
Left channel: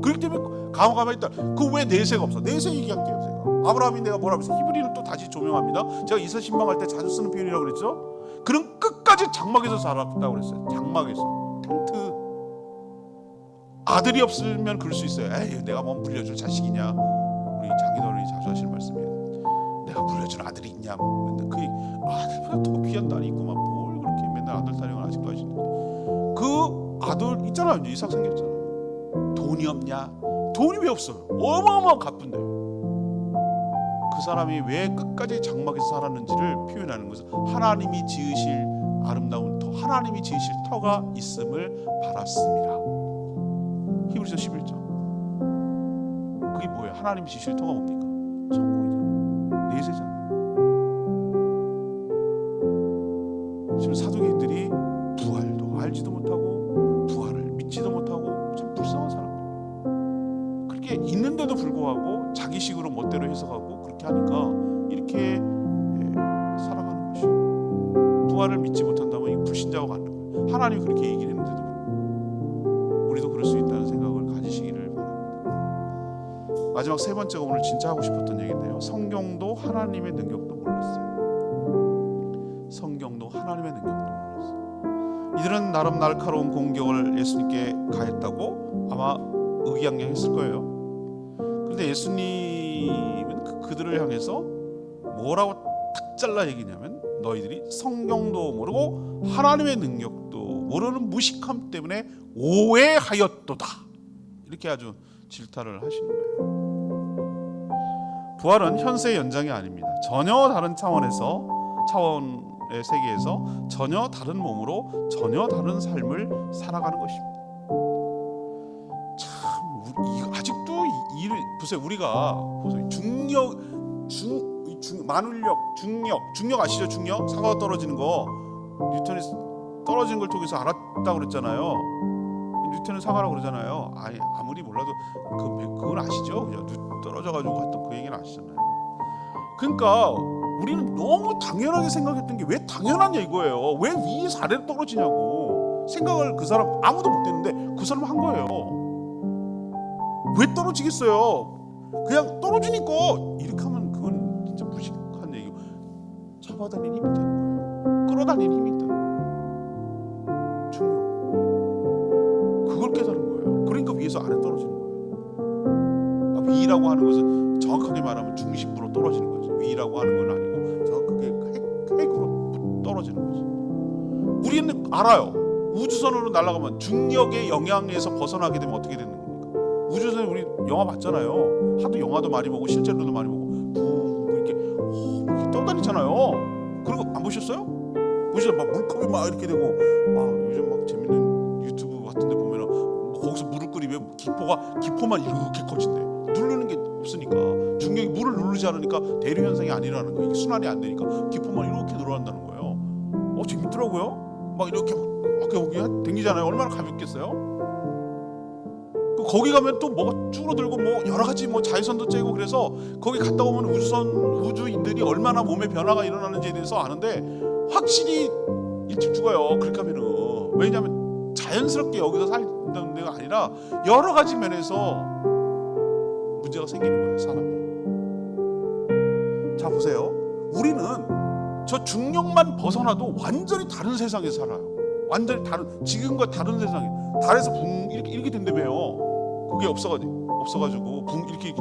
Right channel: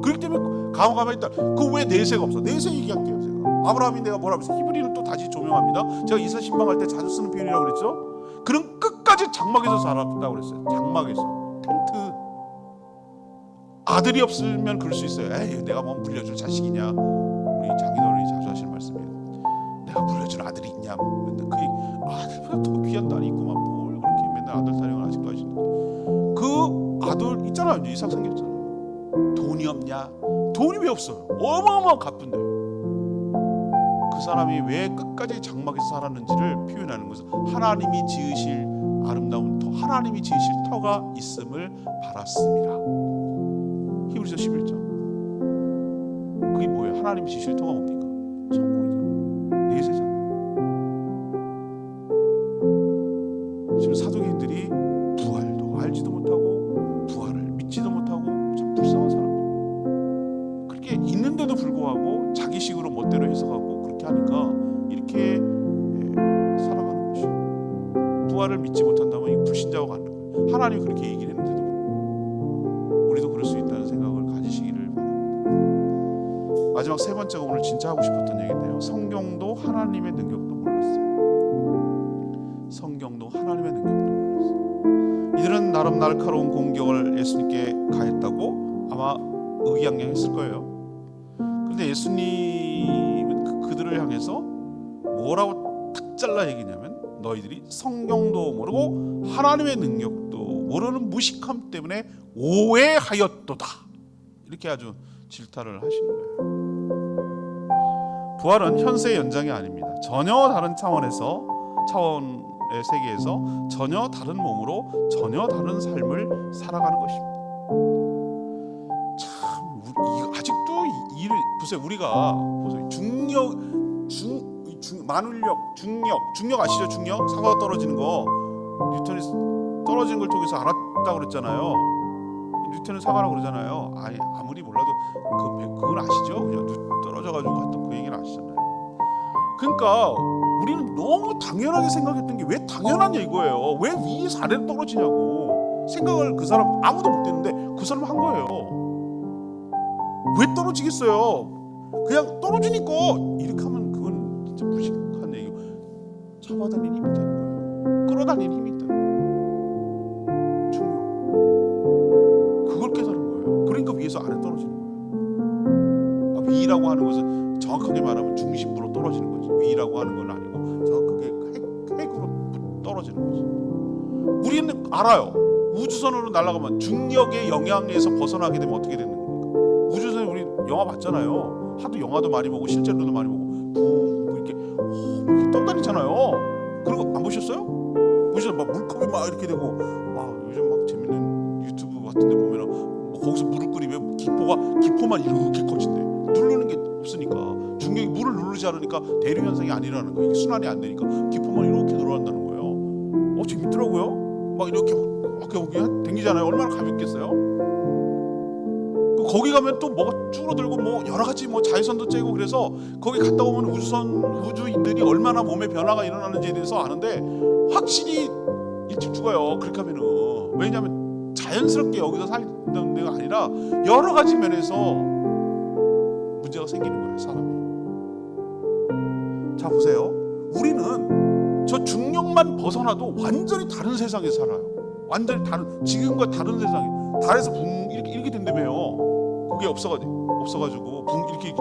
그렇기 때문에 가만히 있다. 그 왜 내세가 없어? 내세 얘기할게요. 제가 아브라함이 내가 뭐라 그랬어요? 히브리는 또 다시 조명합니다. 제가 이사 신방할 때 자주 쓰는 표현이라고 그랬죠. 그는 끝까지 장막에서 살았다고 그랬어요. 장막에서, 텐트. 아들이 없으면 그럴 수 있어요. 에이, 내가 뭐 물려줄 자식이냐. 우리 장인어른이 자주 하시는 말씀이에요. 내가 물려줄 아들이 있냐. 근데 그 아들보다 더 귀한 딸이 있구만. 뭘 그렇게 맨날 아들 타령을 아직도 하시는데. 그 아들 있잖아요. 이제 이삭 생겼잖아요. 돈이 없냐? 돈이 왜 없어요? 어마어마한 갚은데. 그 사람이 왜 끝까지 장막에서 살았는지를 표현하는 것은 하나님이 지으실 아름다운 터, 하나님이 지으실 터가 있음을 바랐습니다. 히브리서 11장. 그게 뭐예요? 하나님이 지으실 터가 뭡니까? 천국이잖아요. 내세잖아요. 지금 사두개인들이 부활도 알지도 못하고 부활을 믿지도 못하고 참 불쌍한 사람들. 그렇게 있는데도 불구하고 자기식으로 멋대로 해석하고 그렇게 하니까 이렇게 살아가는 것이에요. 부활을 믿지 못한다면 이 불신자가 가는 거예요. 하나님이 그렇게 얘기를 했는데도 불구하고 우리도 그럴 수 있다는 생각을 가지시기를 바랍니다. 마지막 세 번째가 오늘 진짜 하고 싶었던 얘기인데요. 성경도 하나님의 능력도 몰랐어요. 성경도 하나님의 능력도 몰랐어요. 이들은 나름 날카로운 공격을 예수님께 가했다고 아마 의기양양했을 거예요. 그런데 예수님은 그들을 향해서 뭐라고 탁 잘라 얘기냐면, 너희들이 성경도 모르고 하나님의 능력도 모르는 무식함 때문에 오해하였도다. 이렇게 아주 질타를 하시는 거예요. 부활은 현세의 연장이 아닙니다. 전혀 다른 차원의 세계에서 전혀 다른 몸으로 전혀 다른 삶을 살아가는 것입니다. 참 아직도 이를 보세요. 우리가 보세요. 만울력, 중력 아시죠? 중력? 사과가 떨어지는 거, 뉴턴이 떨어지는 걸 통해서 알았다고 그랬잖아요. 뉴턴은 사과라고 그러잖아요. 아무리 몰라도 그건 아시죠? 그냥 떨어져가지고 했던 그 얘기는 아시잖아요. 그러니까 우리는 너무 당연하게 생각했던 게 왜 당연하냐 이거예요. 왜 위에서 아래로 떨어지냐고 생각을 그 사람 아무도 못 했는데 그 사람 한 거예요. 왜 떨어지겠어요? 그냥 떨어지니까. 이렇게 하면 그건 진짜 무식한 얘기고, 잡아다니는 힘이 있다는 거예요. 끌어다니는 힘이 있다는 거예요. 중력. 그걸 깨달은 거예요. 그러니까 위에서 아래 떨어지는 거예요. 위라고 하는 것은 정확하게 말하면 중심부로 떨어지는 거지. 위라고 하는 건 아니고 정확하게 핵으로 떨어지는 거지. 우리는 알아요. 우주선으로 날아가면 중력의 영향에서 벗어나게 되면 어떻게 되는 겁니까? 우주선에 우리 영화 봤잖아요. 하도 영화도 많이 보고 실제로도 많이 보고 붕 이렇게 떠다니잖아요. 그리고 안 보셨어요? 보시죠. 막 물컵이 막 이렇게 되고, 요즘 막 재밌는 유튜브 같은데 보면은 거기서 물을 끓이면 기포만 이렇게 커진대. 누르는 게 없으니까 등경이 물을 누르지 않으니까 대류 현상이 안 일어나는 거예요. 이게 순환이 안 되니까 기포만 이렇게 늘어난다는 거예요. 재밌더라고요. 막 이렇게 여기 댕기잖아요. 얼마나 가볍겠어요? 거기 가면 또 뭐가 줄어들고 뭐 여러 가지 뭐 자외선도 쬐고 그래서 거기 갔다 오면 우주인들이 얼마나 몸에 변화가 일어나는지에 대해서 아는데 확실히 일찍 죽어요. 그렇게 하면은. 왜냐하면 자연스럽게 여기서 살던 데가 아니라 여러 가지 면에서 문제가 생기는 거예요, 사람이. 자, 보세요. 우리는 저 중력만 벗어나도 완전히 다른 세상에 살아요. 완전히 다른, 지금과 다른 세상에. 달에서 붕 이렇게 된다며요. 그게 없어가지고 붕 이렇게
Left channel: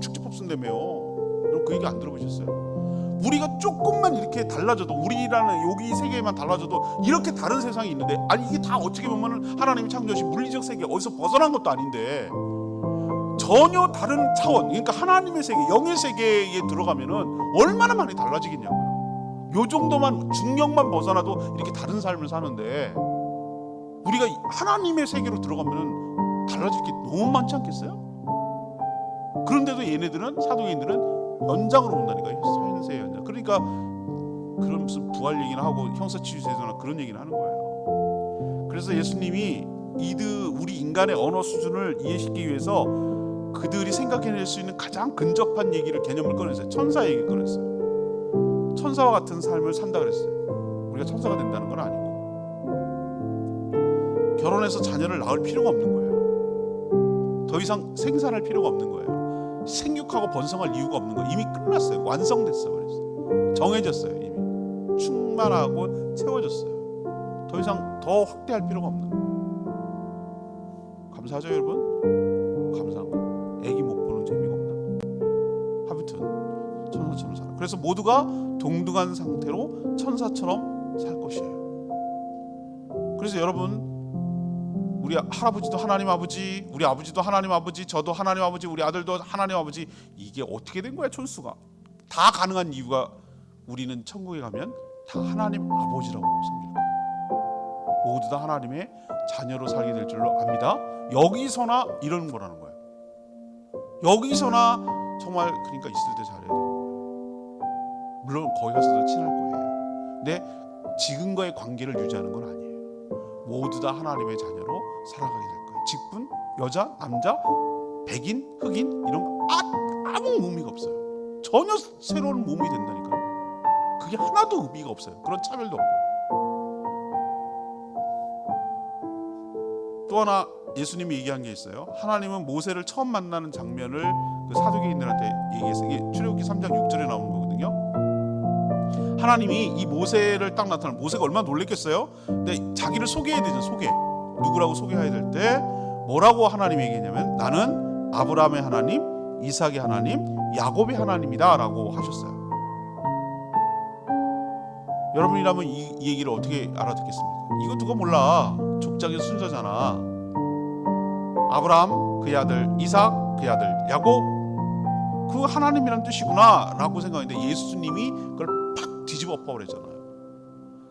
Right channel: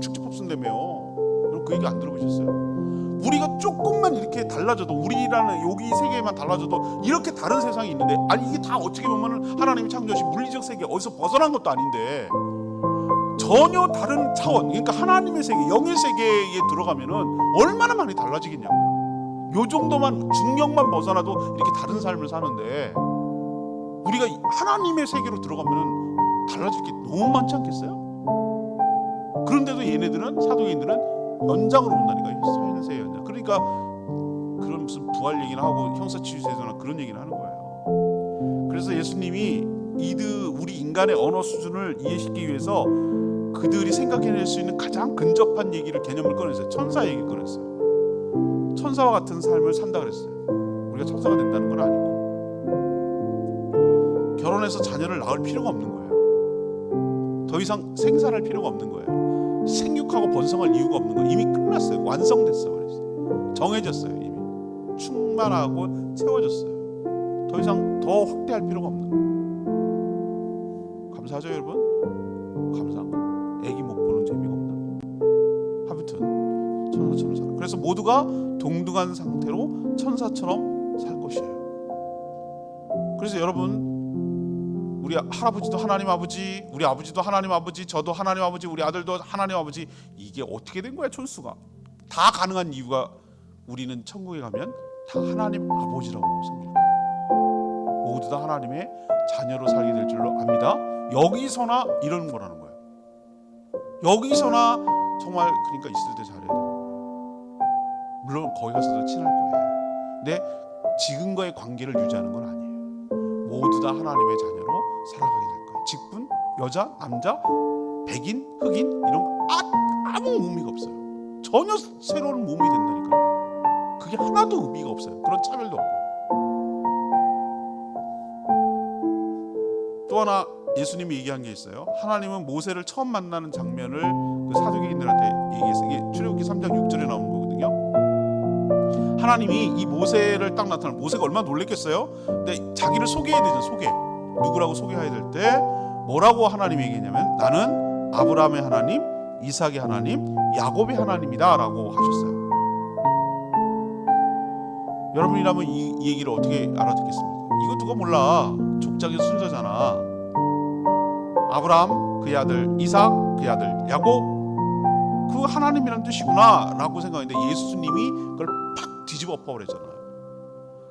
축집 pop순다며요. 여러분 그 얘기 안 들어보셨어요? 우리가 조금만 이렇게 달라져도, 우리라는 여기 세계만 달라져도 이렇게 다른 세상이 있는데, 아니 이게 다 어떻게 보면 하나님이 창조하신 물리적 세계 어디서 벗어난 것도 아닌데 전혀 다른 차원, 그러니까 하나님의 세계, 영의 세계에 들어가면은 얼마나 많이 달라지겠냐고요. 요 정도만, 중력만 벗어나도 이렇게 다른 삶을 사는데 우리가 하나님의 세계로 들어가면은 달라질 게 너무 많지 않겠어요? 그런데도 얘네들은, 사도인들은 연장으로 온다니까요. 사인세의 연장. 그러니까 그런 무슨 부활 얘기나 하고 형사치유제도나 그런 얘기를 하는 거예요. 그래서 예수님이 우리 인간의 언어 수준을 이해시키기 위해서 그들이 생각해낼 수 있는 가장 근접한 얘기를, 개념을 꺼냈어요. 천사 얘기를 꺼냈어요. 천사와 같은 삶을 산다 그랬어요. 우리가 천사가 된다는 건 아니고, 결혼해서 자녀를 낳을 필요가 없는 거예요. 더 이상 생산할 필요가 없는 거예요. 생육하고 번성할 이유가 없는 거예요. 이미 끝났어요. 완성됐어. 그래서 정해졌어요. 이미 충만하고 채워졌어요. 더 이상 더 확대할 필요가 없는 거예요. 감사하죠, 여러분? 감사한 거. 애기 못 보는 재미가 없나? 아무튼 천사처럼 살아. 그래서 모두가 동등한 상태로 천사처럼 살 것이에요. 그래서 여러분, 우리 할아버지도 하나님 아버지, 우리 아버지도 하나님 아버지, 저도 하나님 아버지, 우리 아들도 하나님 아버지, 이게 어떻게 된 거야, 촌수가? 다 가능한 이유가, 우리는 천국에 가면 다 하나님 아버지라고 섬길 거예요. 모두 다 하나님의 자녀로 살게 될 줄로 압니다. 여기서나 이런 거라는 거예요. 여기서나 정말, 그러니까 있을 때 잘해야 되는 거예요. 물론 거기 가서도 친할 거예요. 근데 지금과의 관계를 유지하는 건 아니에요. 모두 다 하나님의 자녀로 살아가게 될 거예요. 직분, 여자, 남자, 백인, 흑인 이런 거 아무 의미가 없어요. 전혀 새로운 몸이 된다니까요. 그게 하나도 의미가 없어요. 그런 차별도 없고요. 또 하나 예수님이 얘기한 게 있어요. 하나님은 모세를 처음 만나는 장면을 그 사두개인들한테 얘기했어요. 이게 출애굽기 3장 6절에 나오는 거거든요. 하나님이 이 모세를 딱 나타나면, 모세가 얼마나 놀랬겠어요? 근데 자기를 소개해야 되죠. 누구라고 소개해야 될 때 뭐라고 하나님이 얘기했냐면, 나는 아브라함의 하나님, 이삭의 하나님, 야곱의 하나님이다 라고 하셨어요. 여러분이라면 이 얘기를 어떻게 알아듣겠습니까? 이거 누가 몰라. 족장의 순서잖아. 아브라함, 그의 아들 이삭, 그의 아들 야곱, 그 하나님이란 뜻이구나 라고 생각했는데 예수님이 그걸 팍 뒤집어 엎어버렸잖아요.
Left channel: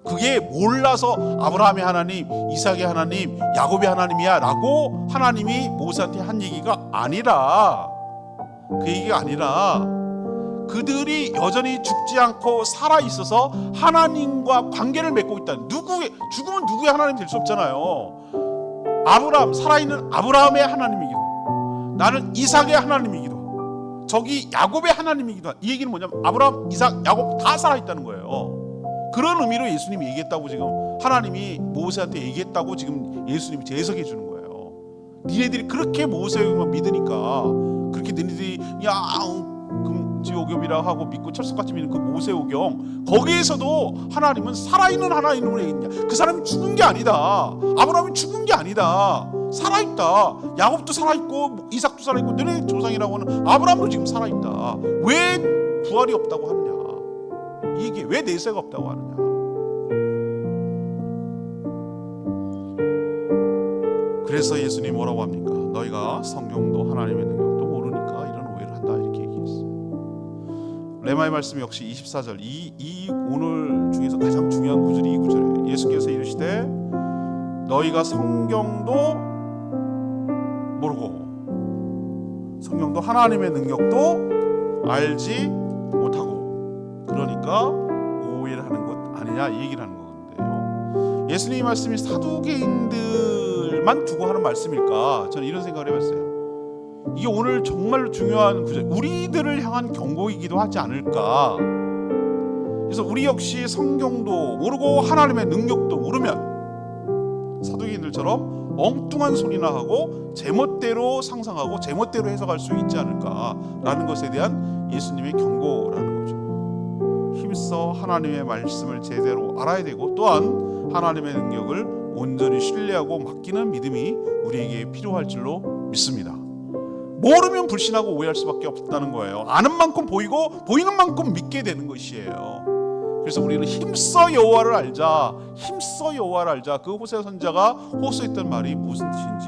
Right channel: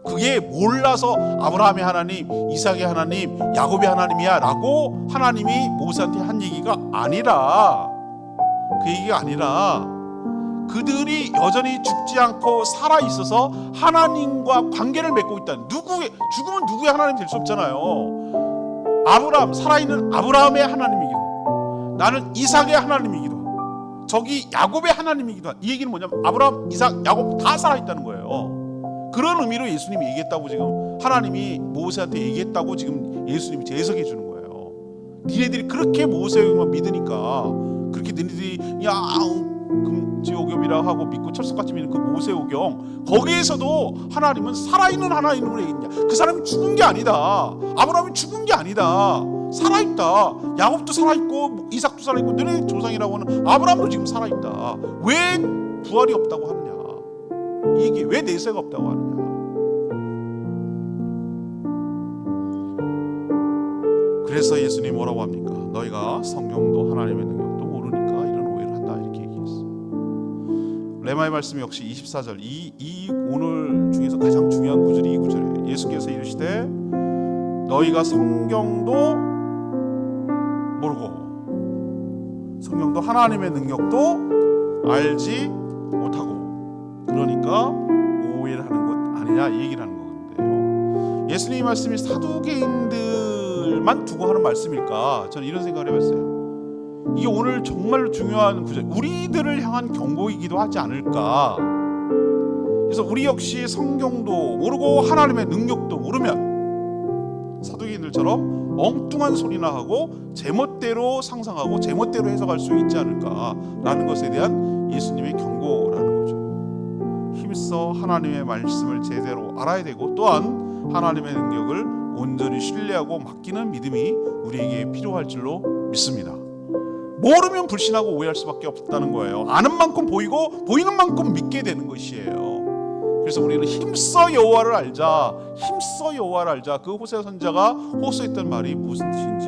그게 몰라서 아브라함의 하나님, 이삭의 하나님, 야곱의 하나님이야 라고 하나님이 모세한테 한 얘기가 아니라, 그 얘기가 아니라 그들이 여전히 죽지 않고 살아있어서 하나님과 관계를 맺고 있다. 죽으면 누구의 하나님 될 수 없잖아요. 아브라함, 살아있는 아브라함의 하나님이기도 하고, 나는 이삭의 하나님이기도 하고, 저기 야곱의 하나님이기도 하고. 이 얘기는 뭐냐면 아브라함, 이삭, 야곱 다 살아있다는 거예요. 그런 의미로 예수님이 얘기했다고, 지금 하나님이 모세한테 얘기했다고 지금 예수님이 재해석해 주는 거예요. 니네들이 그렇게 모세만 믿으니까, 그렇게 너희들이 금지오경이라 하고 믿고 철석같이 믿는 그 모세오경, 거기에서도 하나님은 살아있는 하나님으로 얘기했냐. 그 사람이 죽은 게 아니다. 아브라함이 죽은 게 아니다. 살아있다. 야곱도 살아있고 이삭도 살아있고 너네 조상이라고 하는 아브라함도 지금 살아있다. 왜 부활이 없다고 하느냐, 이게 왜 내세가 없다고 하느냐. 그래서 예수님이 뭐라고 합니까? 너희가 성경도 하나님의 능력도 모르니까 이런 오해를 한다, 이렇게 얘기했어요. 레마의 말씀 역시 24절, 이 오늘 중에서 가장 중요한 구절이 이 구절이에요. 예수께서 이르시되 너희가 성경도 모르고 성경도 하나님의 능력도 알지 못하고 그러니까 오해를 하는 것 아니냐 이 얘기를 하는 건데요. 예수님의 말씀이 사두개인들만 두고 하는 말씀일까? 저는 이런 생각을 해봤어요. 이게 오늘 정말 중요한 구절, 우리들을 향한 경고이기도 하지 않을까. 그래서 우리 역시 성경도 모르고 하나님의 능력도 모르면 사두개인들처럼 엉뚱한 소리나 하고 제멋대로 상상하고 제멋대로 해석할 수 있지 않을까라는 것에 대한 예수님의 경고라는 거죠. 힘써 하나님의 말씀을 제대로 알아야 되고 또한 하나님의 능력을 온전히 신뢰하고 맡기는 믿음이 우리에게 필요할 줄로 믿습니다. 모르면 불신하고 오해할 수밖에 없다는 거예요. 아는 만큼 보이고 보이는 만큼 믿게 되는 것이에요. 그래서 우리는 힘써 여호와를 알자, 힘써 여호와를 알자. 그 호세 선자가 호소했던 말이 무슨 뜻인지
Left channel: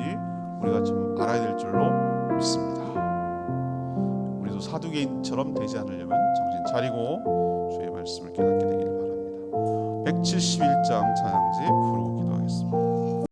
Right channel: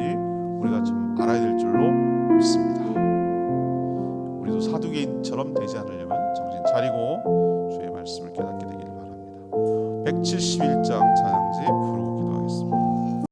우리가 좀 알아야 될 줄로 믿습니다. 우리도 사두개인처럼 되지 않으려면 정신 차리고 주의 말씀을 깨닫게 되기를 바랍니다. 171장 찬양지 부르고 기도하겠습니다.